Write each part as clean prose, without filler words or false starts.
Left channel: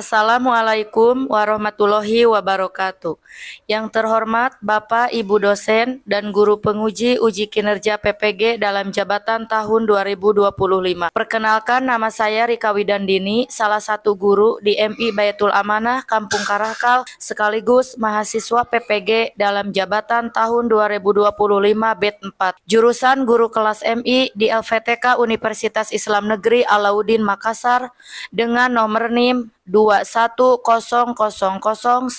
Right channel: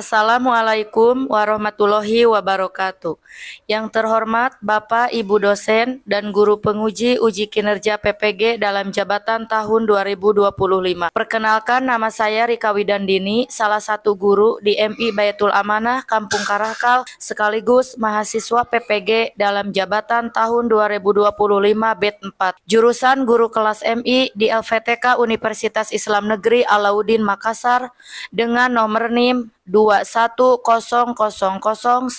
Assalamualaikum warahmatullahi wabarakatuh. Yang terhormat Bapak, Ibu dosen, dan guru penguji uji kinerja PPG dalam jabatan tahun 2025. Perkenalkan, nama saya Rika Widandini, salah satu guru di MI Baitul Amanah Kampung Karakal, sekaligus mahasiswa PPG dalam jabatan tahun 2025 BED 4. Jurusan guru kelas MI di LVTK Universitas Islam Negeri Alauddin Makassar dengan nomor NIM 21000125745.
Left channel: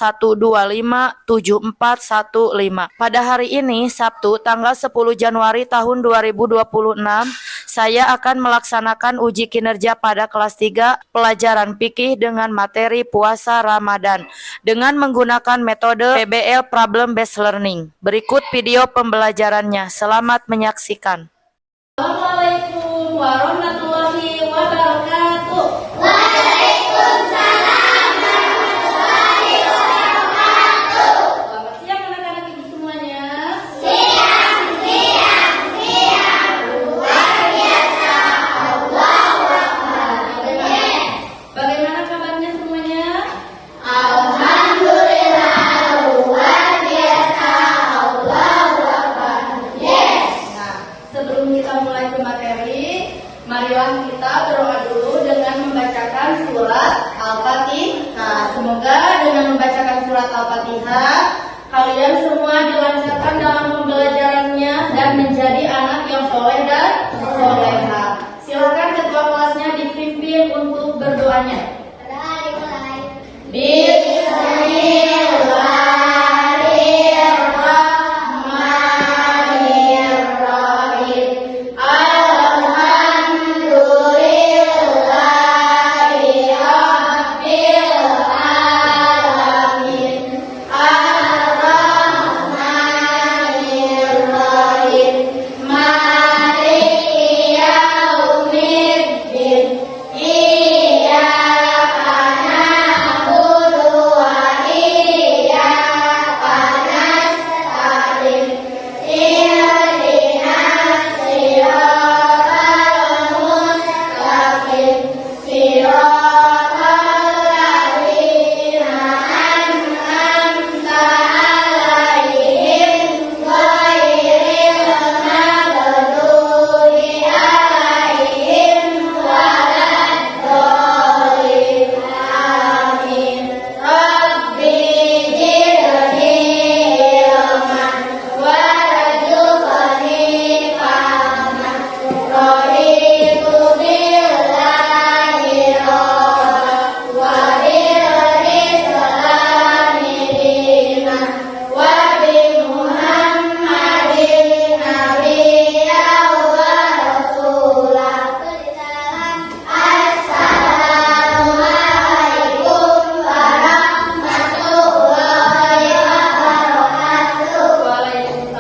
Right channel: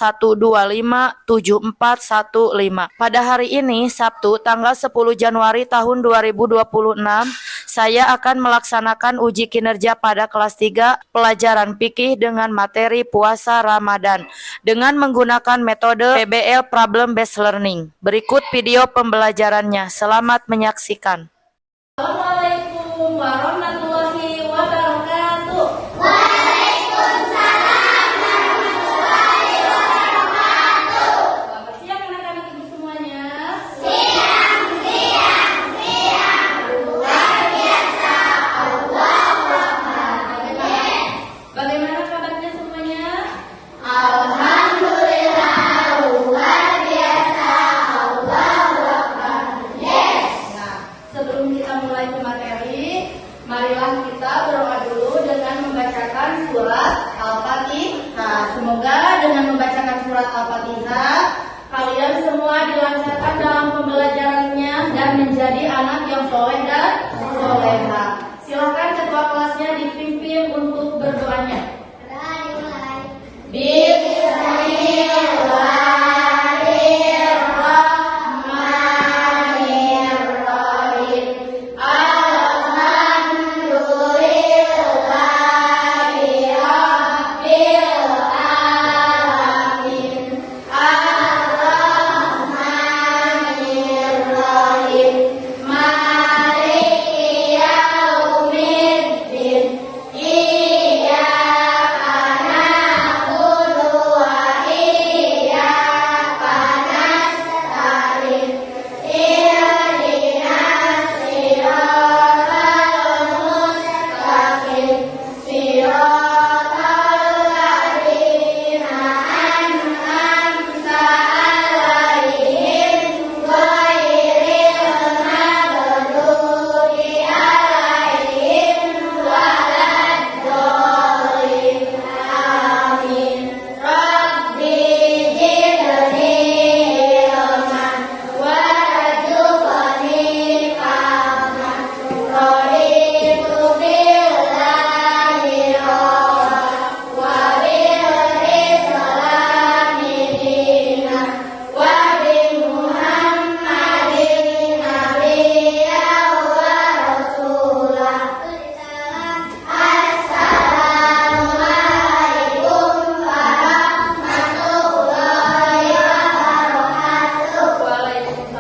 Pada hari ini, Sabtu, tanggal 10 Januari tahun 2026, saya akan melaksanakan uji kinerja pada kelas 3 pelajaran fikih dengan materi puasa Ramadan dengan menggunakan metode PBL Problem Based Learning. Berikut video pembelajarannya. Selamat menyaksikan. Assalamualaikum warahmatullahi wabarakatuh. Selamat siang anak-anak ibu semuanya. Bagaimana kabarnya semuanya? Sebelum kita mulai ke materi, marilah kita berdoa dulu dengan membacakan surat Al-Fatihah. Semoga dengan membacakan surat Al-Fatihah, kalian semua dilancarkan dalam pembelajarannya dan menjadi anak yang soleh dan soleha. Silakan ketua kelasnya dipimpin untuk berdoanya.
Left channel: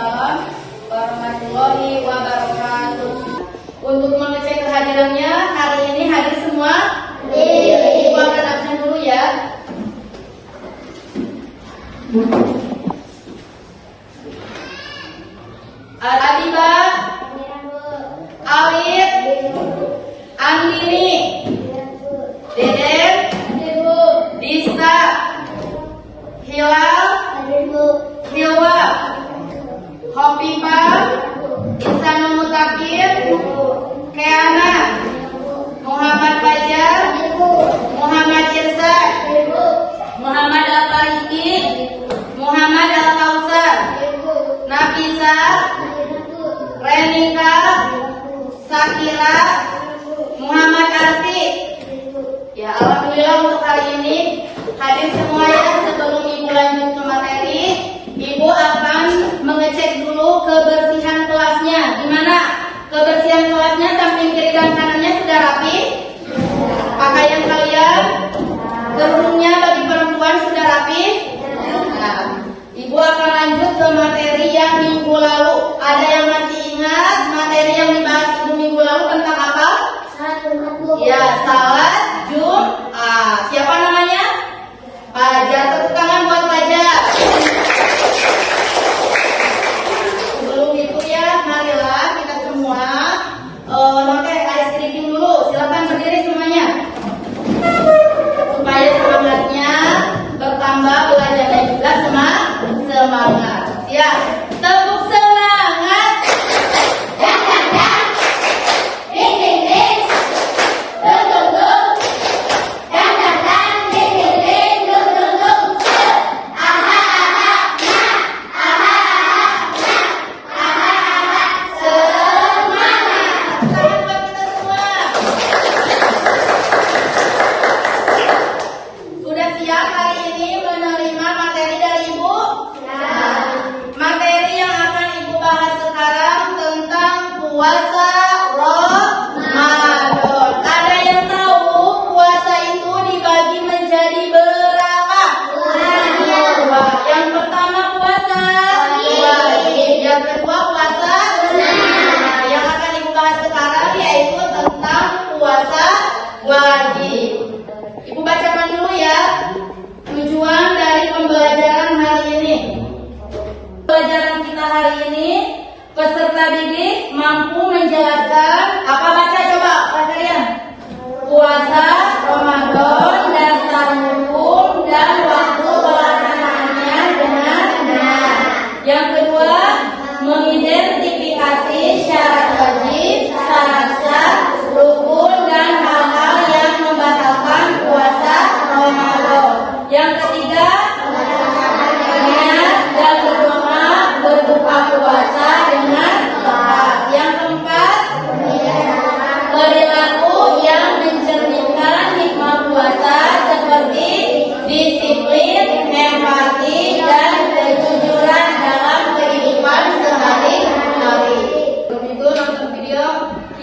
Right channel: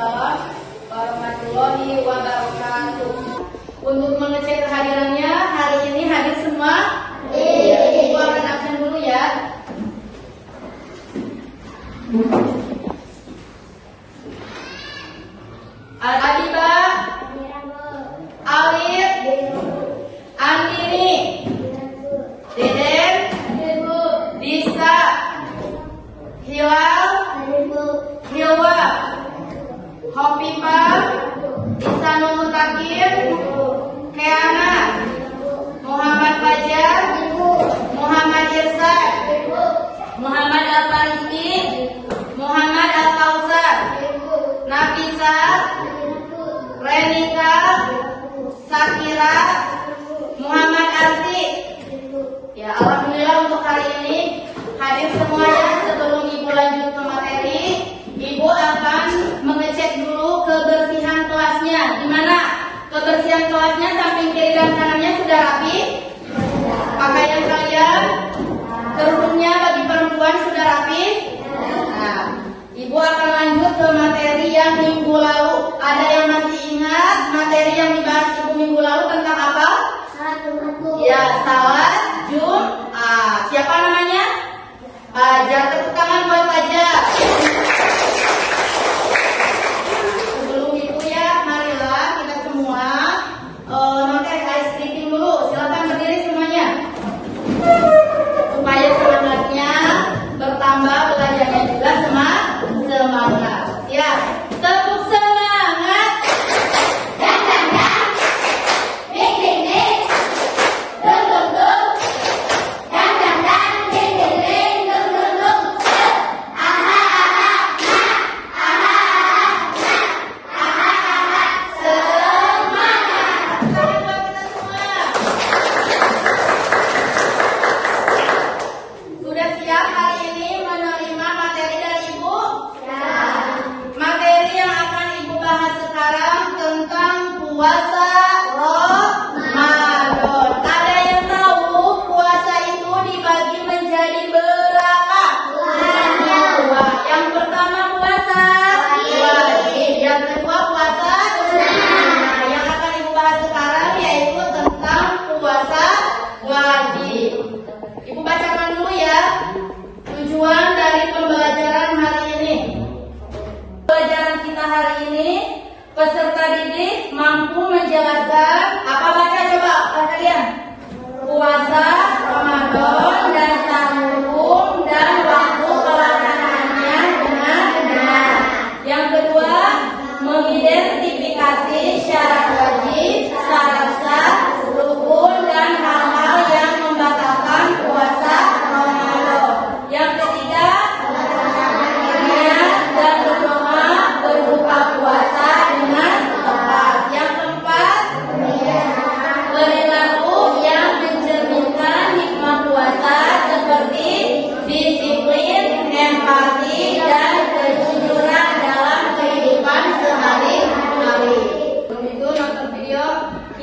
Waalaikumsalam warahmatullahi wabarakatuh. Untuk mengecek kehadirannya, hari ini hadir semua? Ibu akan absen dulu ya. Al-Adibah, Alif, Andini, Deden, Dista, Hilal, Hilwa, Hopipah, Ihsanul Mutakin, Keana, Muhammad Fajar,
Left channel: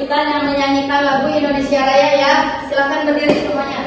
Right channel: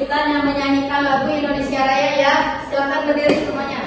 kesulitan yang menyanyikan lagu Indonesia Raya ya. Silakan berdiri semuanya.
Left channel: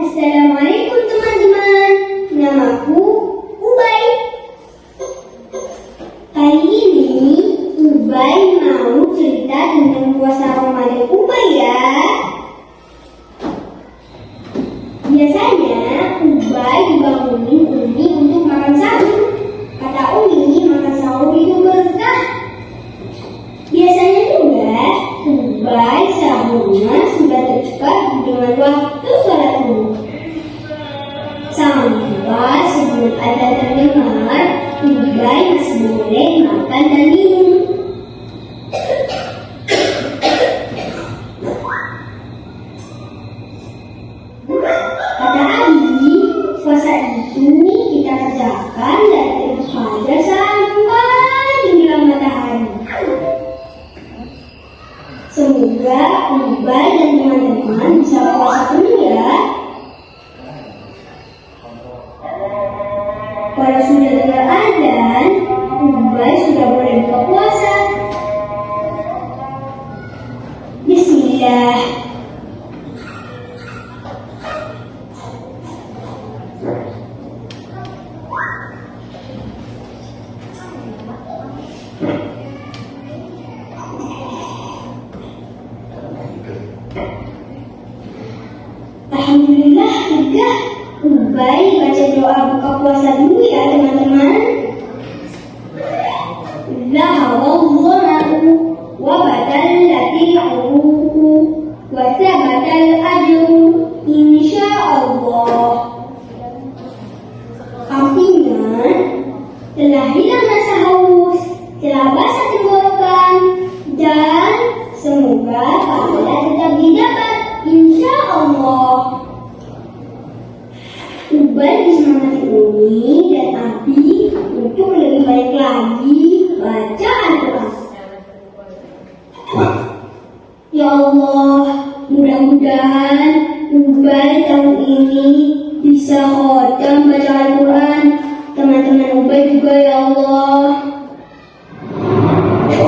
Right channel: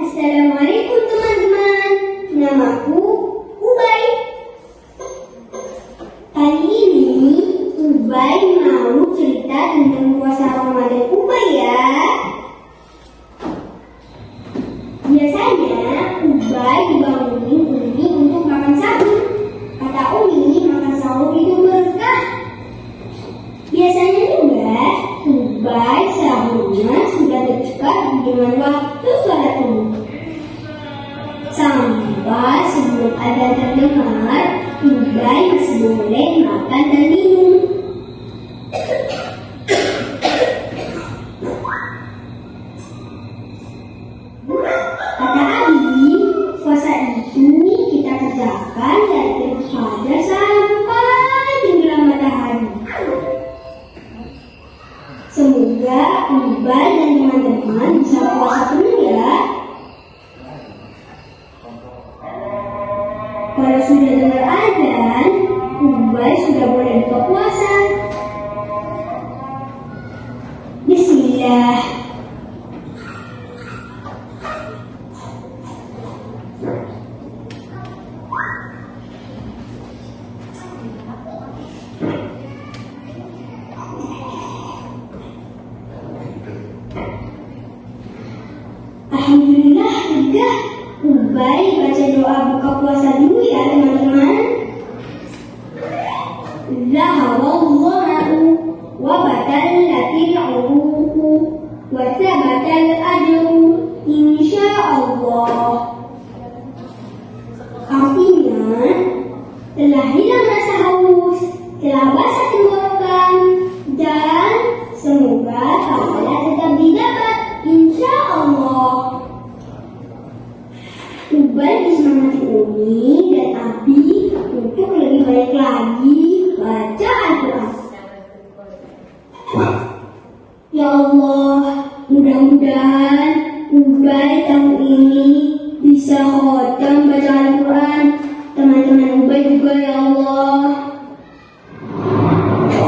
Assalamualaikum teman-teman, namaku Ubay. Kali ini Ubay mau cerita tentang puasa Ramadan Ubay ya. Biasanya Ubay bangunin Umi untuk makan sahur. Kata Umi makan sahur itu berkah. Biasanya juga Ubay sahurnya sudah tercepat dengan waktu sholat subuh. Sampai sebelum ada terdengar, Ubay masih boleh makan dan minum. Kata Adi, puasa itu kita kerjakan dari terbit fajar sampai tenggelam matahari. Semoga Ubay dan teman-teman bisa puasa penuh ya. Kalau sudah dengar azan, Ubay sudah boleh buka puasa. Bismillah. Alhamdulillah, lega. Ubay baca doa buka puasa dulu ya teman-teman. Zaharallahu wa batallatil uruku wa thabatal ajru insyaallah. Artinya, telah hilang rasa haus, telah basah tenggorokan, dan semoga pahala tetap didapat insyaallah. Ubay disemangati Umi dan Abi untuk lebih baik lagi baca Al-Quran. Ya Allah, mudah-mudahan Ubay tahun ini bisa khatam baca Al-Quran. Teman-teman Ubay juga ya Allah.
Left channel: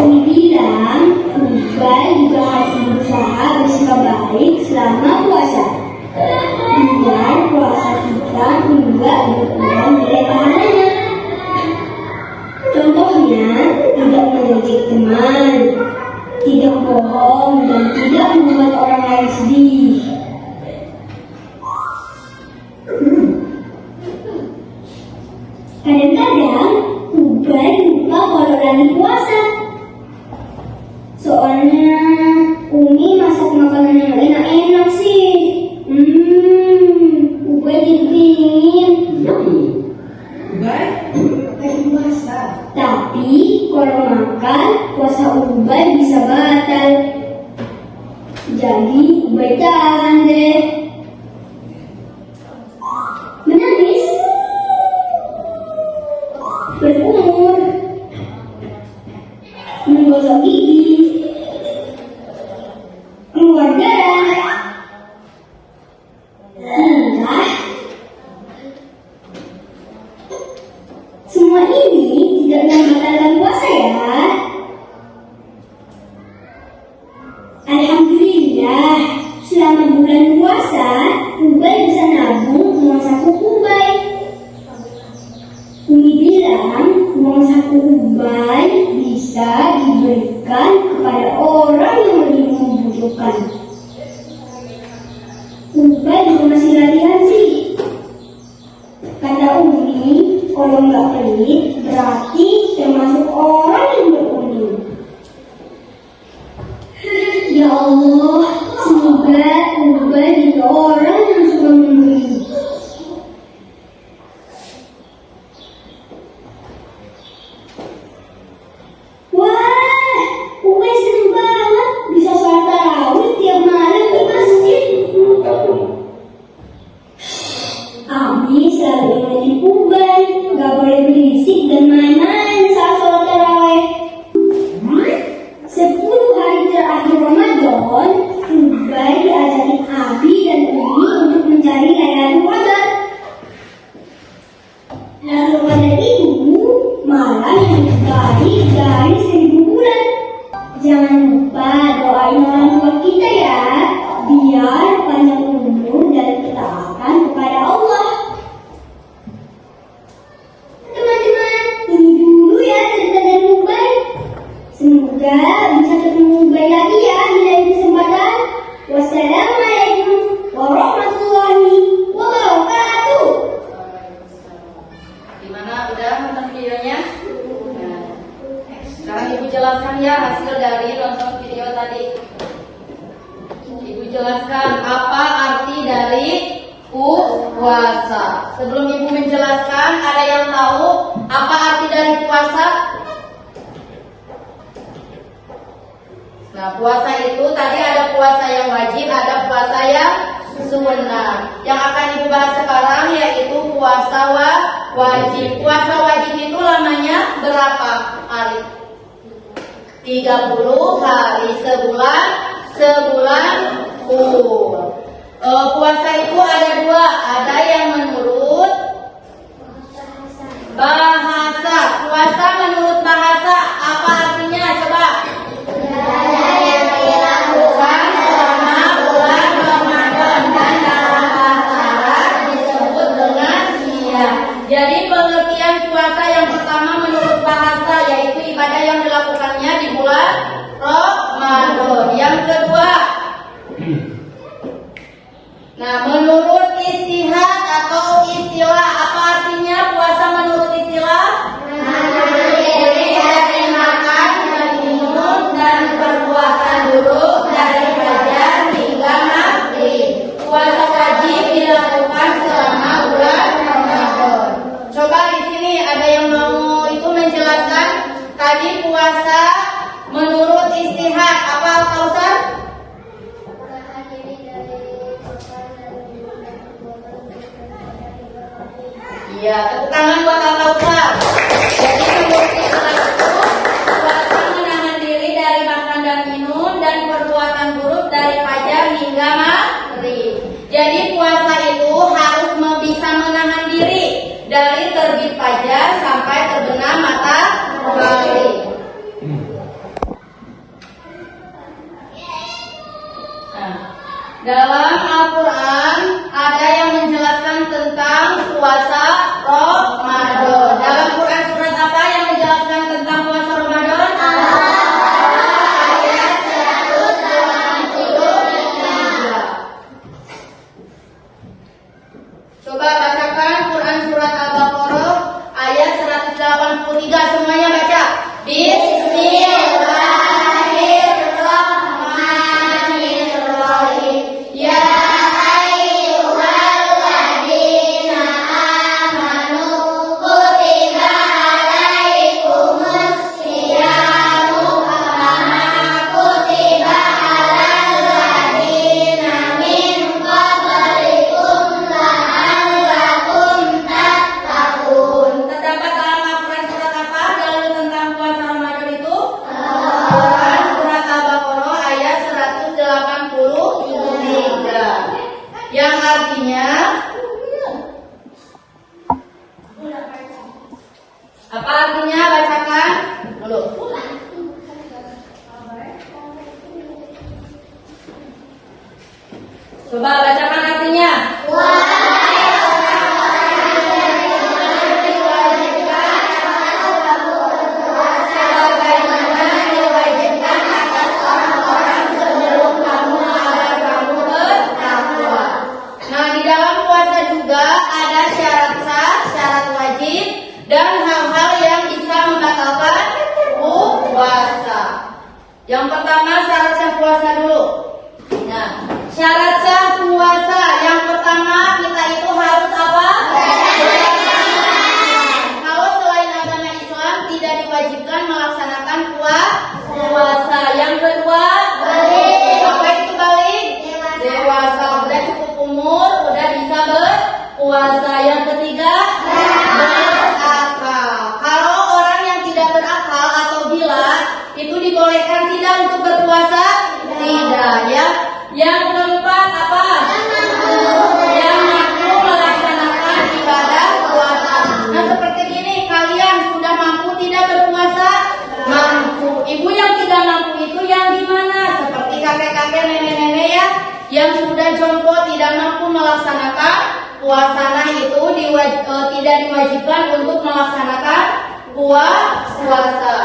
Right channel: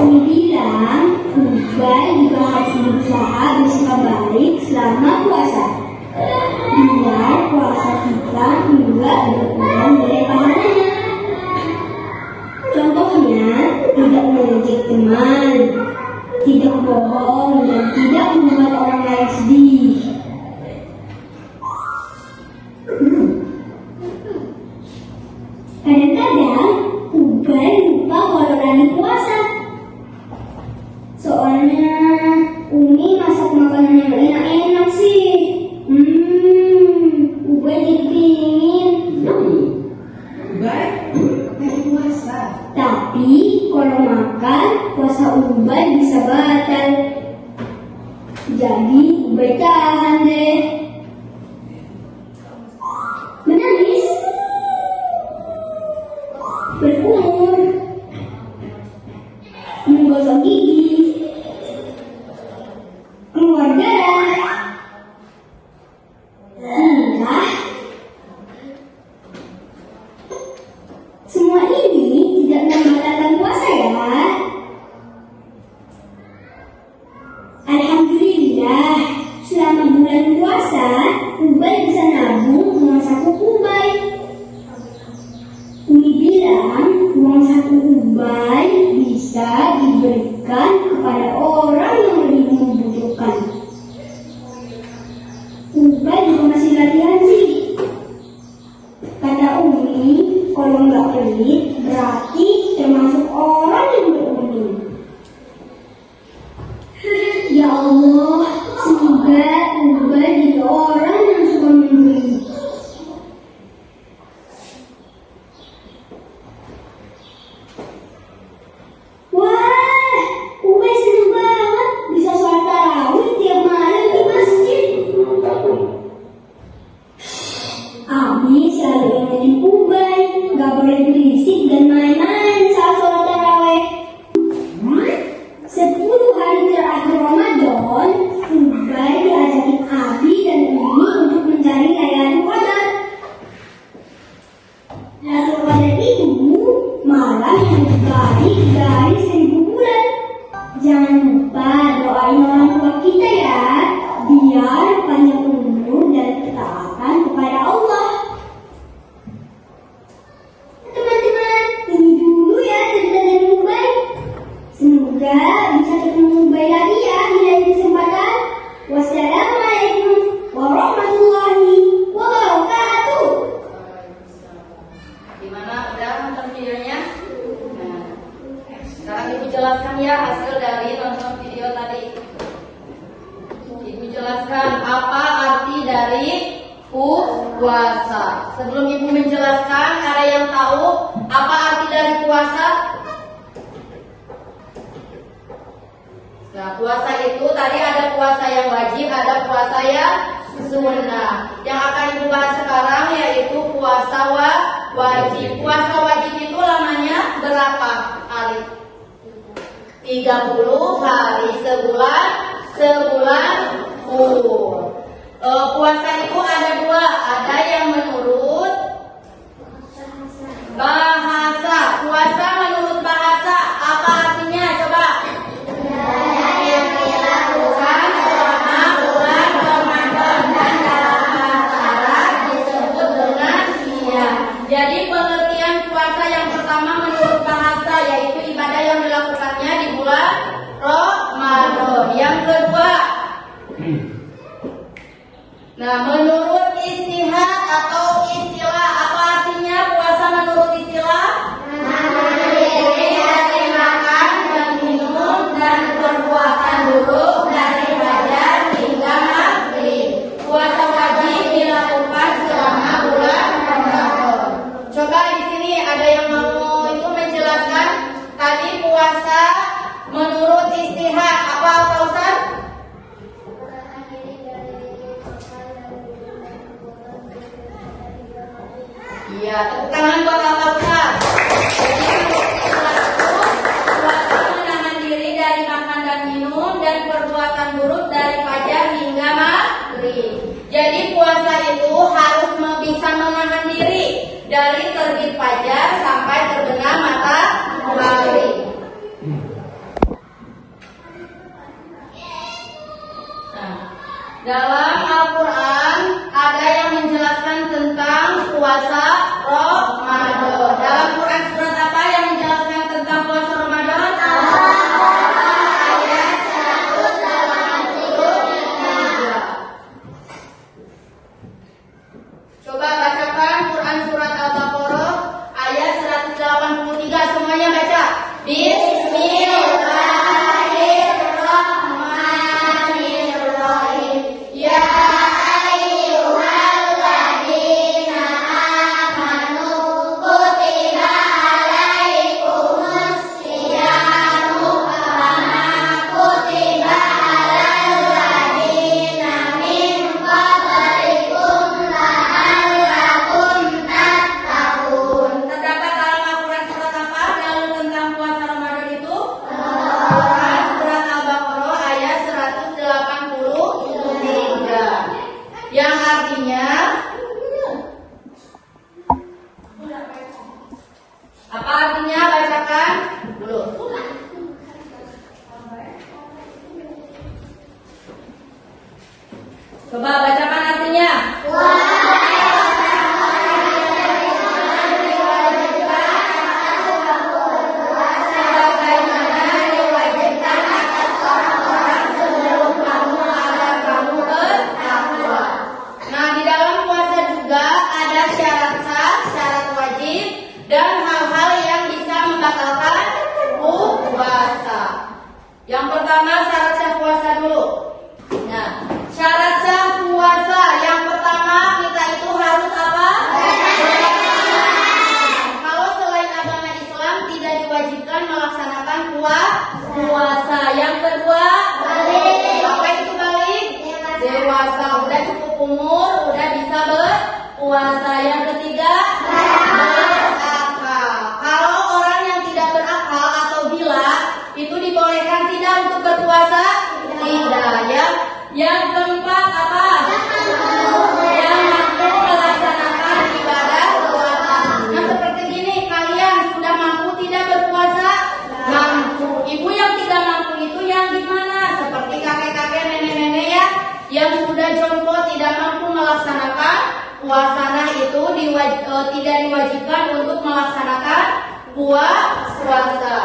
Umi bilang Ubay juga harus berusaha bersikap baik selama puasa. Biar puasa kita tidak berkurang dari pahalanya. Contohnya, tidak mengejek teman, tidak bohong, dan tidak membuat orang lain sedih. Kadang-kadang Tapi kalau makan, puasa Ubay bisa batal. Jadi Ubay tahan deh. Menangis, berkumur, menggosok gigi, keluar darah, muntah. Semua ini tidak membatalkan puasa ya. Alhamdulillah, selama bulan puasa, Ubay bisa nabung uang satu Ubay. Umi bilang uang satu Ubay bisa diberikan kepada orang yang lebih membutuhkan. Ubay juga masih latihan sih. Kata Umi, kalau nggak pelit berarti termasuk orang yang beruntung. Ya Allah, semoga Ubay jadi orang yang suka memberi. Wah, Ubay seneng banget bisa sholat tarawih tiap malam di masjid. Abi selalu ingetin Ubay, gak boleh berisik dan main-main saat sholat tarawih. 10 hari terakhir Ramadan, Ubay diajakin Abi dan Umi untuk mencari Lailatul Qadar. Lailatul Qadar itu malam yang terbaik dari 1000 bulan. Jangan lupa doain orang tua kita ya, biar panjang umur dan ketaatan kepada Allah. Teman-teman, ini dulu ya cerita dari Ubay. Semoga bisa ketemu Ubay lagi ya di lain kesempatan. Wassalamualaikum warahmatullahi wabarakatuh. Gimana, udah nonton videonya? Nah, sekarang Ibu jelaskan ya hasil dari nonton video tadi. Ibu jelaskan apa arti dari puasa. Sebelum Ibu menjelaskan, ada yang tahu apa arti dari puasa? Nah, puasa itu tadi ada puasa yang wajib, ada puasa yang sunnah. Yang akan Ibu bahas sekarang yaitu puasa wajib. Puasa wajib itu lamanya berapa hari? 30 hari, sebulan full. Puasa itu ada dua, ada yang menurut bahasa. Puasa menurut bahasa apa artinya? Coba. Bulan selama bulan Ramadan dan dalam bahasa Arab disebut dengan siam. Jadi pengertian puasa yang pertama menurut bahasa yaitu ibadah yang dilakukannya di bulan Ramadan. Yang kedua, nah menurut istihad atau istilah apa artinya puasa menurut istilah? Dari makan dan minum dan perbuatan buruk dari fajar hingga maghrib. Puasa wajib dilakukan selama bulan Ramadan. Coba di sini ada yang mau itu menjelaskan tadi puasa menurut istihad apa Al-Kausar? Iya, tepuk tangan buat Al-Kausar. Jadi menurut istihad itu puasa menahan diri dari makan dan minum dan perbuatan buruk dari fajar hingga maghrib. Jadi puasa itu harus bisa menahan diri dari terbit fajar sampai terbenam matahari. Nah, dalam Al-Quran ada yang menjelaskan tentang puasa Ramadan. Dalam Quran surat apa yang menjelaskan tentang puasa Ramadan? Ayat 183. Coba bacakan Quran surat Al-Baqarah ayat 183. Semuanya baca. Bismillahirrahmanirrahim. Ya ayyuhalladzina amanu kutiba alaikum Yang pertama syarat sah puasa dulu. Nah, syarat sah puasa yang pertama kita itu harus apa? Kalau selain agama Islam tidak diwajibkan melaksanakan puasa. Yang kedua, apa itu balik? Dewasa, udah cukup umur, udah bisa berpuasa. Yang ketiga, berakal. Kalau orang yang tidak berakal atau gila itu dibolehkan tidak untuk berpuasa? Tidak ya. Yang keempat apa? Yang mampu melaksanakan ibadah puasa. Nah seperti gini, kalian sudah mampu tidak berpuasa? Mampu. Ibu yang tidak mampu itu yang gimana? Seperti kakek-kakek, nenek-nenek ya, yang sudah jompo tidak mampu melaksanakan puasa. Nah itu tidak diwajibkan untuk melaksanakan puasa.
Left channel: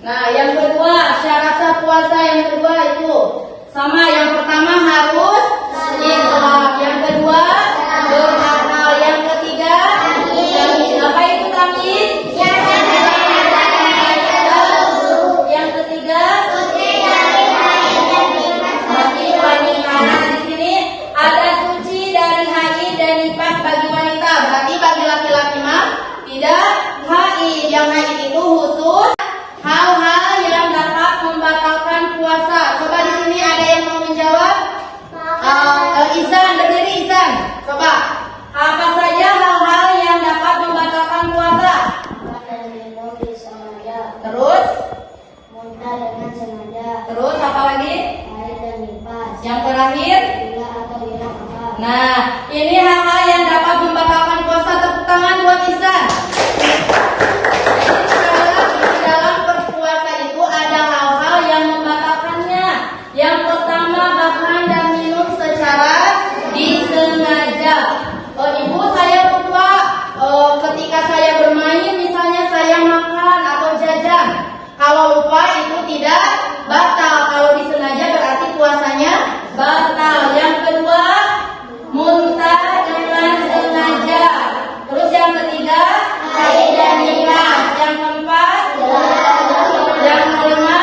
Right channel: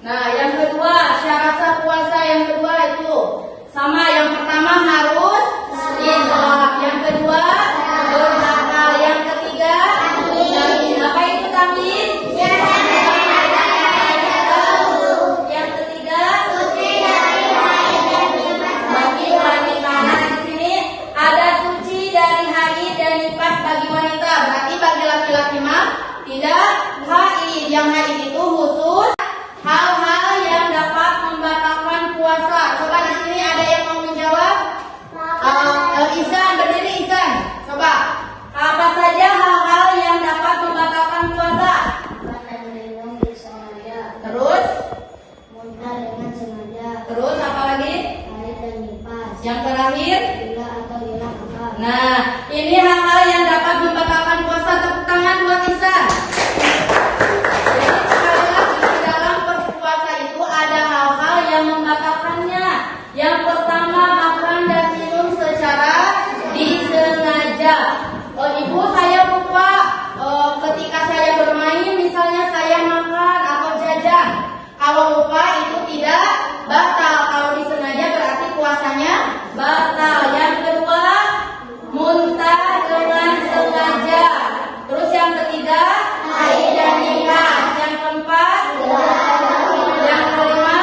Nah, yang kedua, syarat sah puasa yang kedua itu sama. Yang pertama harus Islam, yang kedua berakal, yang ketiga apa itu tamyiz? Yang ketiga di sini ada suci dari haid dan nifas bagi wanita. Berarti bagi laki-laki mah tidak haid. Yang haid itu khusus hal-hal yang dapat membatalkan puasa. Coba di sini ada yang mau menjawab? Ihsan, berdiri Ihsan. Coba. Apa saja hal-hal yang dapat membatalkan puasa? Terus? Muntah dengan sengaja. Terus apa lagi? Haid dan nifas. Yang terakhir? Gila atau hilang akal. Nah, ini hal-hal yang dapat membatalkan puasa. Tepuk tangan buat Ihsan. Di dalam berpuasa itu ada hal-hal yang membatalkannya. Yang pertama, makan dan minum secara disengaja. Ibu, saya lupa ketika saya bermain, misalnya saya makan atau jajan. Kalau lupa itu tidak batal. Kalau disengaja berarti puasanya batal. Yang kedua, muntah dengan sengaja. Terus yang ketiga, haid dan nifas. Yang keempat, yang kelima,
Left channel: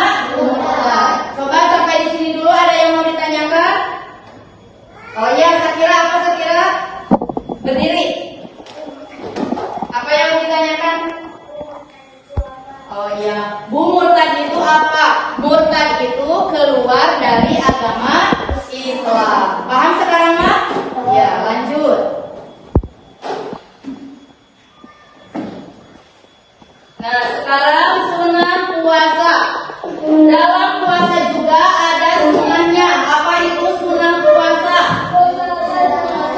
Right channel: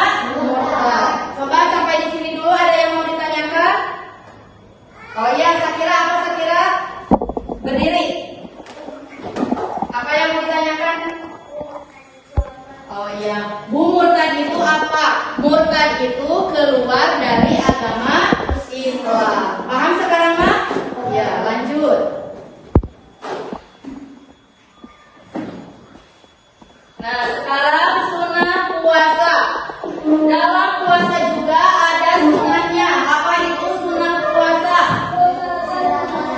coba sampai di sini dulu. Ada yang mau ditanyakan? Oh iya, Sakira, apa Sakira? Berdiri. Apa yang mau ditanyakan? Oh iya, Bu, murtad itu apa? Murtad itu keluar dari agama Islam. Paham sekarang, Mak? Ya, lanjut. Nah, sekarang sunnah puasa. Dalam puasa juga ada sunnahnya. Apa itu sunnah puasa?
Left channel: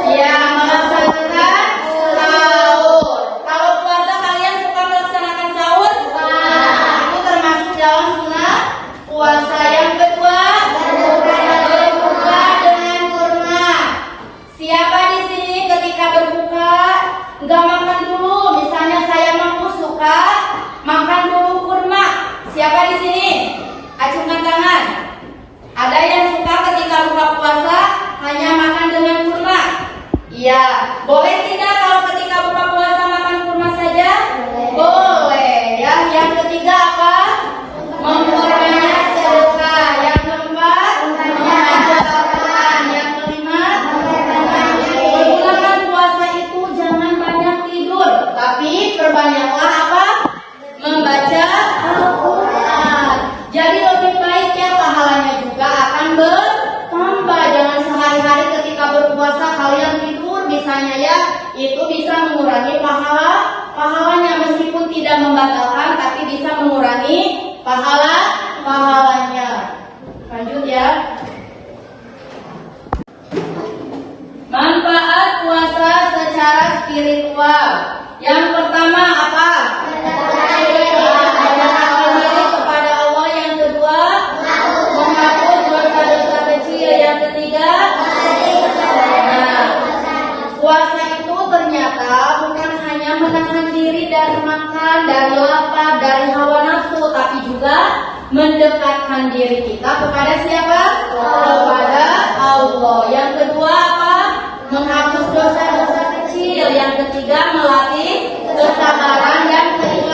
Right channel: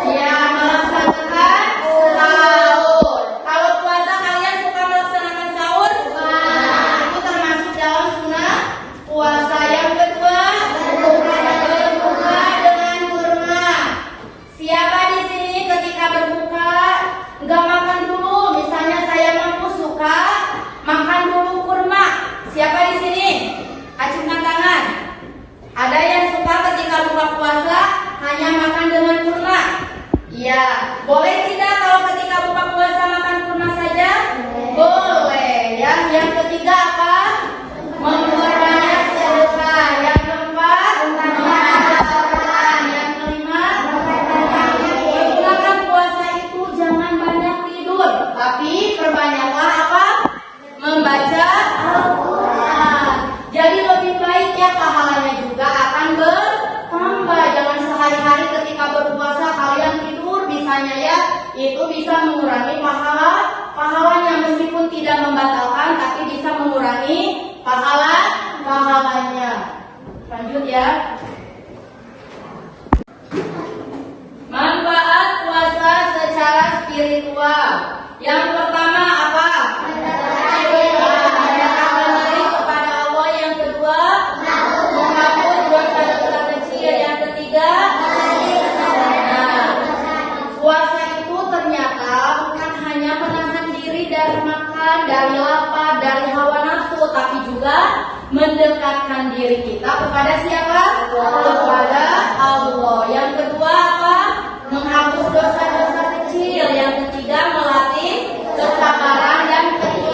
Ya, melaksanakan sahur. Kalau puasa kalian suka melaksanakan sahur? Itu termasuk dalam sunnah puasa. Yang kedua, berbuka dengan kurma. Siapa di sini ketika berbuka nggak makan dulu? Misalnya saya mampu suka makan dulu kurma. Siapa di sini? Acungkan tangan. Ada yang suka ketika buka puasa hanya makan dengan kurma? Iya. Boleh tidak kalau ketika buka puasa makan kurma saja? Boleh. Ya. Yang ketiga apa? Memperbanyak sedekah. Yang keempat, membaca Al-Quran. Yang kelima, pergunakan puasa itu jangan banyak tidur, tapi perbanyaklah apa? Membaca Al-Quran. Jadi lebih baik ya, pahalanya juga akan bertambah. Jangan sehari-hari ketika berpuasa kalian tidur misalnya ya, itu bisa mengurangi pahalanya. Meskipun tidak membatalkan, tapi bisa mengurangi pahalanya. Lanjut ya. Manfaat puasa secara spiritual. Yang pertama apa? Mendekatkan diri kepada Allah. Yang kedua, menghapus dosa-dosa kecil. Yang ketiga, puasa itu ternyata bukan hanya menahan diri dari makan, dari lapar, dari hawa nafsu, tapi juga mendekatkan diri kita kepada siapa? Kepada Allah. Yang kedua apa? Menghapus dosa-dosa kecil. Yang ketiga, melatih kesabaran dan keikhlasaan.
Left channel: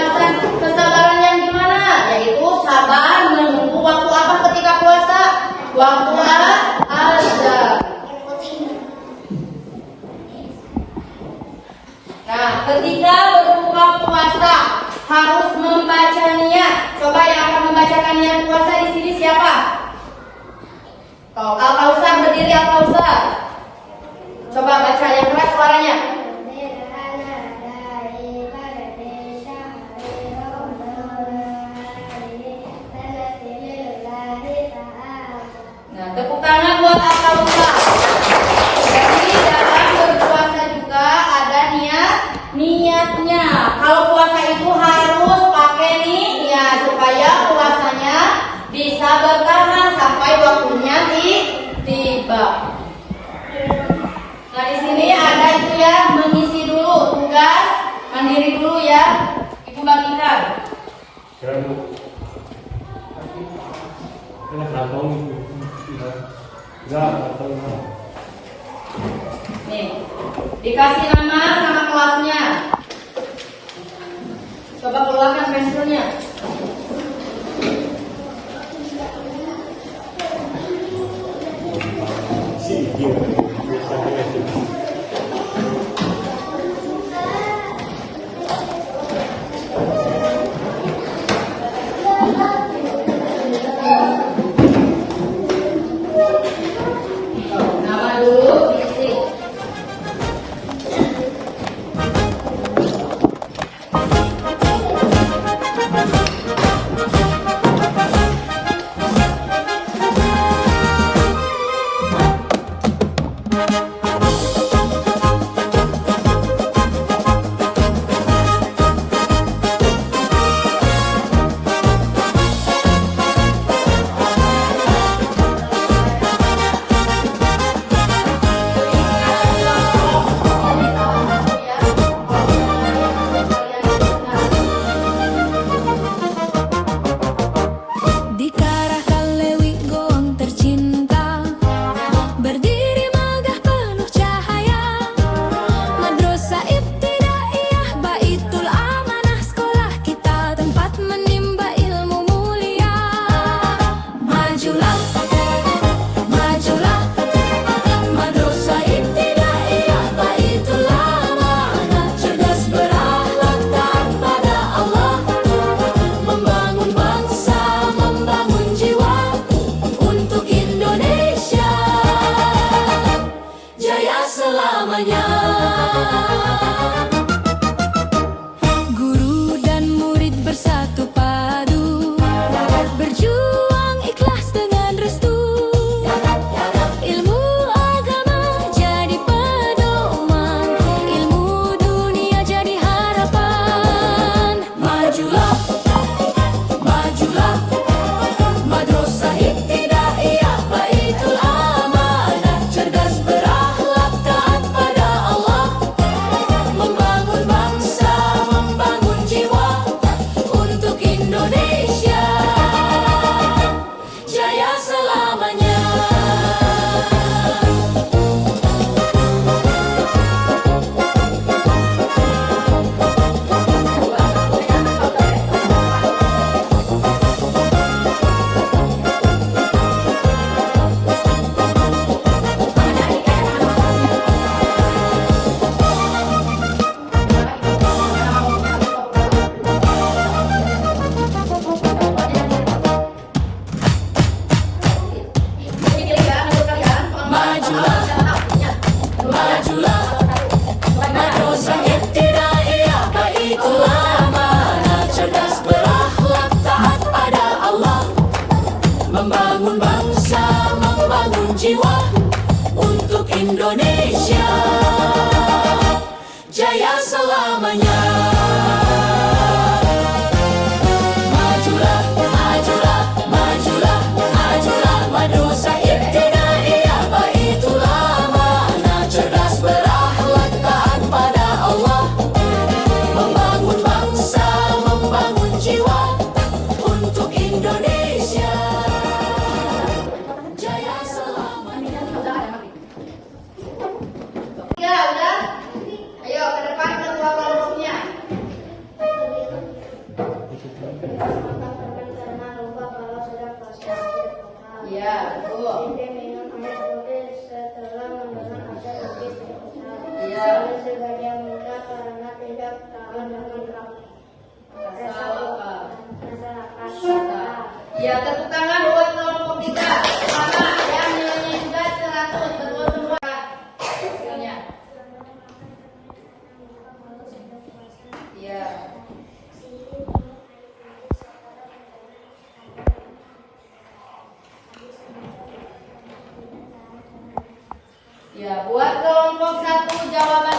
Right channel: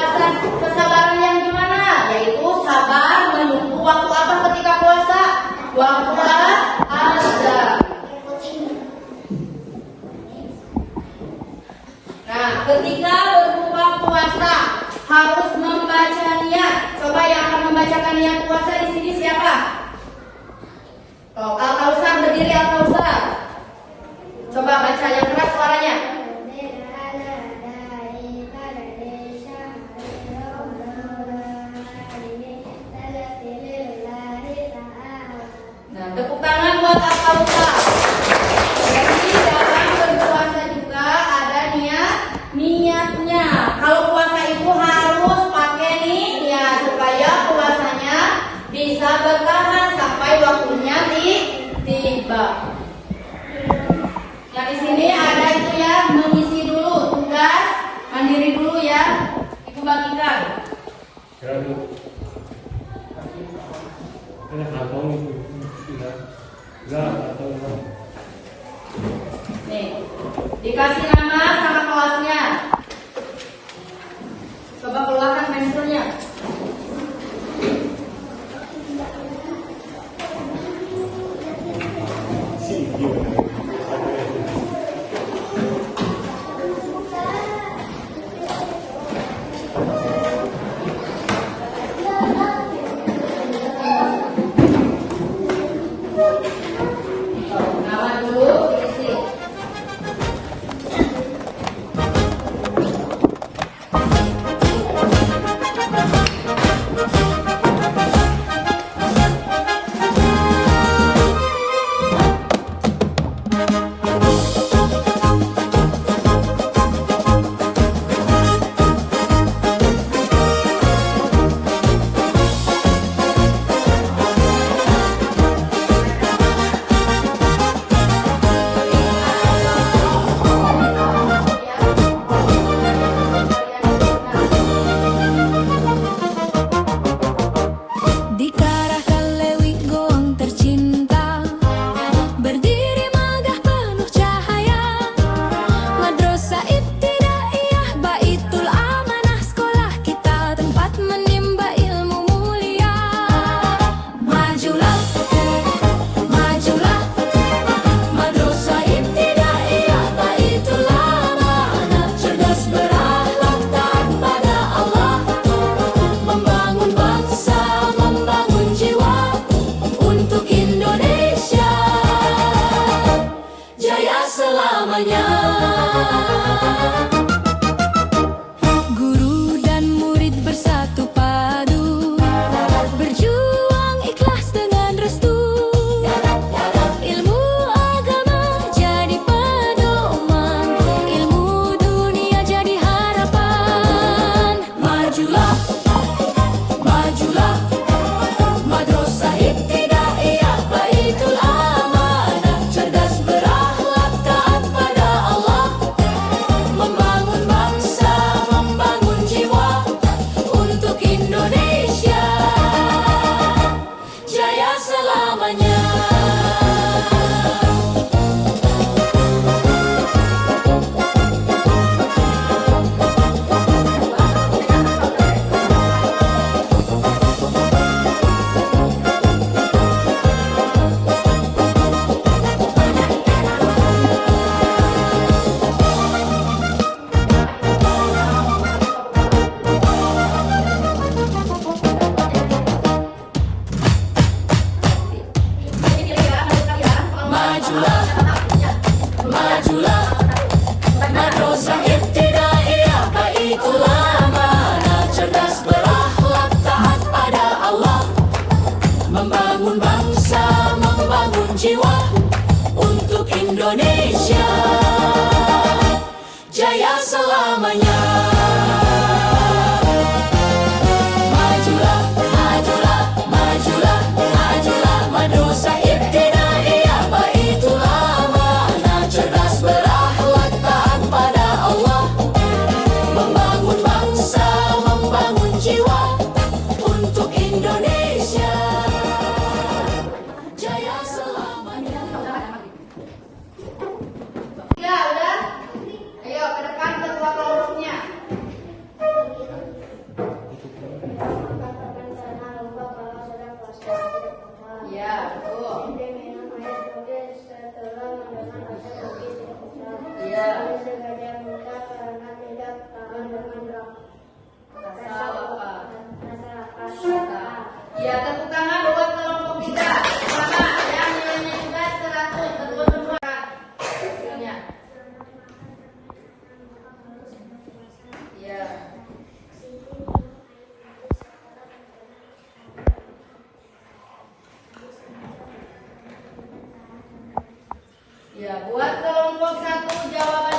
Nah, ketika berbuka puasa harus membaca niat. Coba yang akan membacakan niat puasa di sini siapa? Oh, Al-Kausar berdiri, Al-Kausar. Coba baca yang keras suaranya. Nah, tepuk tangan buat Al-Kausar. Jadi dalam berpuasa juga ada niatnya. Kalau puasa itu harus pakai niat supaya puasanya bisa bertahan sampai waktunya tiba. Nah, di sini ada itu ya, mengisi dulu tugas mandiri dulu ya. Ibu bagikan. Nih, dikasih nama sama kelasnya. Coba keluarkan pensilnya. Nama dulu, isi. Guru dan murid bersatu padu, berjuang ikhlas dengan restu. Ilmu agama jadi pedoman, ilmu dunia jadi harapan. Majulah, majulah, Madrasah Ibtidaiyah Baitul Amanah, cerdas berakhlak taat pada Allah, membangun bangsa, membangun jiwa untuk Indonesia jaya selamanya. Majulah, majulah, Madrasah Ibtidaiyah Baitul Amanah, cerdas berakhlak taat pada Allah, membangun bangsa, membangun jiwa untuk Indonesia jaya selamanya. Majulah, majulah, majulah, majulah, Madrasah Ibtidaiyah Baitul Amanah, cerdas berakhlak taat pada Allah, membangun bangsa, membangun jiwa untuk Indonesia jaya selamanya. Ya, udah. Ayo ke depan kedua kelompoknya. Ya, tepuk tangan buat kelompok kita. Sama yang nilainya juga 100. Kedua semua. Hasilnya. Ya. Ya, buat kelompok 1 jawaban